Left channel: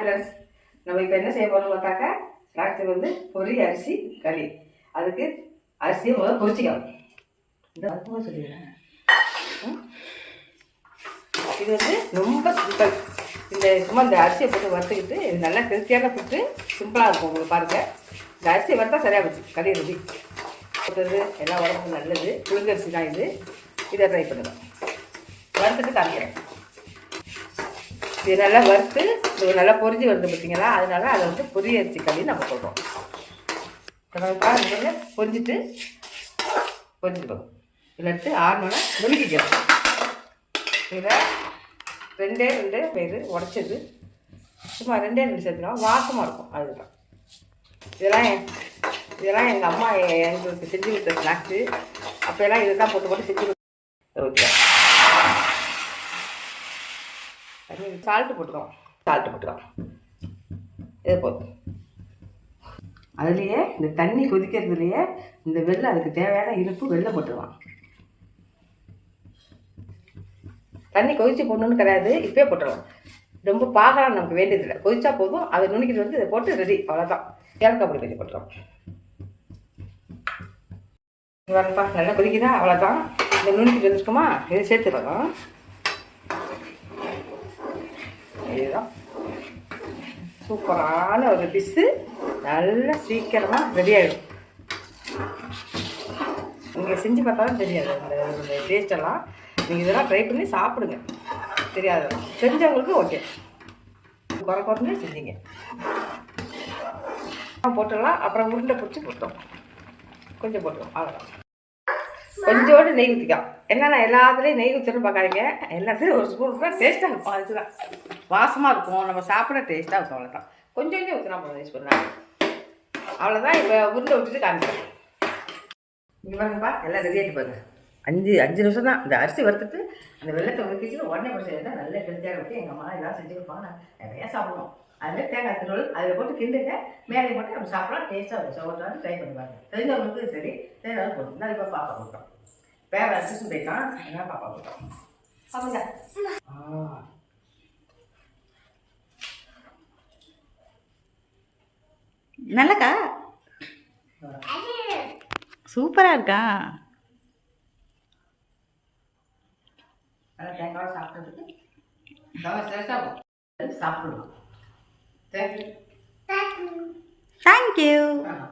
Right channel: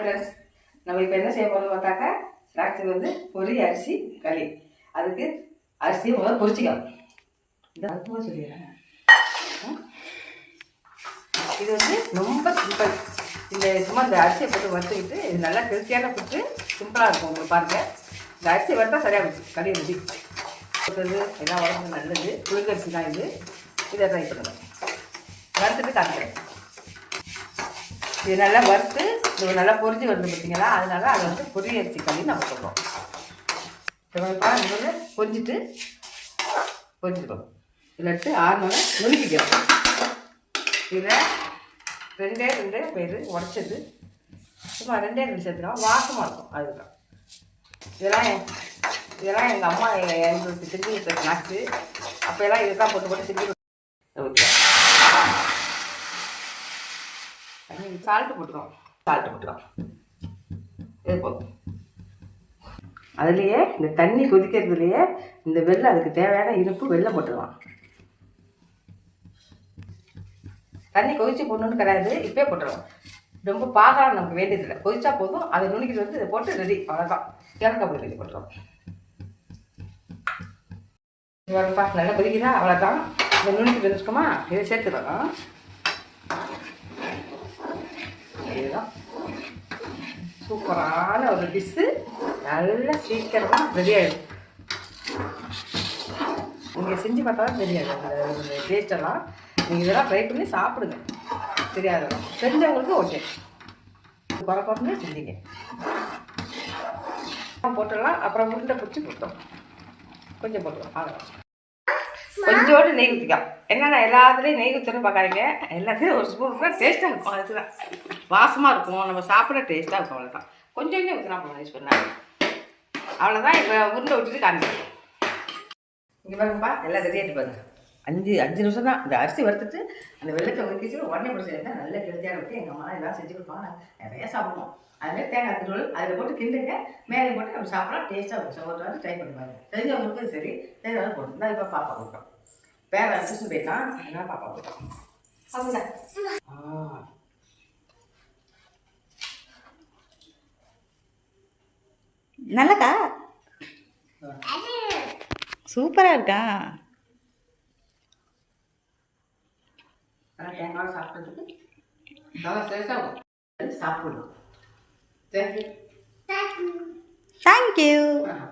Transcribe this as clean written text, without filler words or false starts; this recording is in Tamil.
ஃப்ரெண்ட்ஸ், நம்ம இப்போ என்ன செய்ய போகிறோம்னு பார்த்தாக்கா ஸ்நாக்ஸ் வந்து பொரி அரிசி களி. அதுக்கு அரிசியை முதல்ல பொரிச்சிக்கலாம். இந்த அதுவும் சொல்லிடுறேன். இது வந்து ரொம்ப சிம்பிள். இந்த சும்மா இந்த அரிசியை போட்டு வறுத்துக்கிட்டு இது நல்லா ஹெல்த்தியான ஃபுட்டு, சிம்பிளாக இருக்கும். உங்களுக்கு பாருங்கள், இந்த அரிசியை வறுத்தா சரியாக போச்சு. களி ரெடி போட்டது எல்லா உடம்புக்கும் நல்லது. புழுங்கரிசி தான் இது. இதை ட்ரை பண்ணுங்கள். வறுத்துட்டு காமிக்கிறேன். இது நல்லா வறுத்து இது நல்லா பொரிஞ்சு வருது பார்த்தீங்களா, அதனால அதை வந்து பொரி அரிசி களி நம்ம சொல்கிறோம். பாருங்க, பொரிஞ்சிட்டு போகும். இதில் எடுத்து 6 மணி நுணுக்கிக்கிறோம். இதை 2 பேர் உடச்சது, சும்மா 2 சேர்த்துக்கலாம், வாசமாக இருக்கும். அதுதான் இதெல்லாம் எங்கள் அம்மா எங்களுக்கு செஞ்சு கொடுத்த ஸ்நாக்ஸு. அப்போல்லாம் இதை தான் போட்டு செஞ்சு ஓகே. சால்ட்டு போட்டுக்கலாம். இது போதும். அதுலேயே இந்த தண்ணி கொதிக்கிறதுலையே இந்த வெள்ளை, அதுக்கு தேவையான இனிப்பு வெள்ளை போட்டுக்கலாம். தண்ணி கொதிச்சு போடணுன்னு கிடையாது, இப்போயே போட்டுடலாம். ரொம்ப பாகம் நமக்கு வேண்டியதில்லை, கொதிச்சா போதும். அதை நுணுக்கிட்டு வந்து இதை போட்டு ரெடி, அவ்வளோதான். ஏலக்காய் பொடி தண்ணி போட்டுக்கலாம். வரப்பா, நல்லா கொதிக்குதா, அவ்வளோதான். இந்த நுணுக்கிட்டு வச்சுக்கோமா, இதை சேர்த்துக்கலாம். இதுதான் சூப்பரான ஒரு டிஷ்ஷு. நல்லா சீக்கிரமாக ரெடி ஆகிடும். நீங்கள் செஞ்சு பார்த்தாலும் தெரியாது இந்த டேஸ்டெல்லாம். நீங்கள் இதெல்லாம் ட்ரை பண்ணி சாப்பிடுங்க. தெரியாது தெரிஞ்சவங்களுக்கு ஓகே. குறைஞ்சு செஞ்சீங்க போட்டுடலாம். அப்புறம் உருண்டை பிடிச்சி போட்டோம், கொஞ்சம் போட்டுருவோம், அவ்வளோதான். கொஞ்சோடு நெய் ஊற்றிக்கலாம். என்னென்னா எல்லாத்துலேயும் நெய் ஊற்றணும் பார்க்காதீங்க. எல்லாத்துலேயும் ஒரு ஸ்பூன் தான் டேஸ்ட்டாக இருக்கும். அதுதான் வாசமாக இருக்கும், நம்ம சாப்பிட டேஸ்ட்டாக இருக்கும். அவ்வளோதான். கொஞ்சம் ஊற்றினா போதும், யூஸ் பண்ணாங்க. அவ்வளோதான். இப்போ உருண்டை விட்டுட்டு காமிக்கிறேன். இங்கே பாருங்கப்பா, எல்லாம் ரெடி ஆகிட்டு பாருங்க. 5 நிமிஷம் தான். இந்த அரிசி வறுத்துட்டு அந்த வெள்ளத்தை ஒதுக்கிச்சு உடனே போட்டு செய்யறதா நல்ல ஹெல்த்தியாக இருக்குது. எங்கள் அம்மா எல்லாம் செஞ்சு கொடுப்பாங்க, நான் நிறையா சாப்பிடுவோம். அதில் தேங்காய் திருவள் அதில் போட்டு கிண்டுங்க, மேலே போட்டு நம்ம சாப்பிட்லாம். டேஸ்ட்டாக இருக்கும். ஒரு ட்ரை பண்ணி பாருங்க. தெரிஞ்சவங்களுக்கு சரி, தெரிஞ்சவங்களுக்கு போட்டு நான் இப்போ பாப்பா கொடுக்குறோம். வேறு டியூஷன் போயிட்டான், அதனால் பாப்பா கொடுக்குறோம். அப்படிங்க. நல்லக்கா, சூப்பராக இருக்கா. தேங்காய் சாப்பிட்றதுக்கு சாப்பிடலாம். தேங்க்யூ.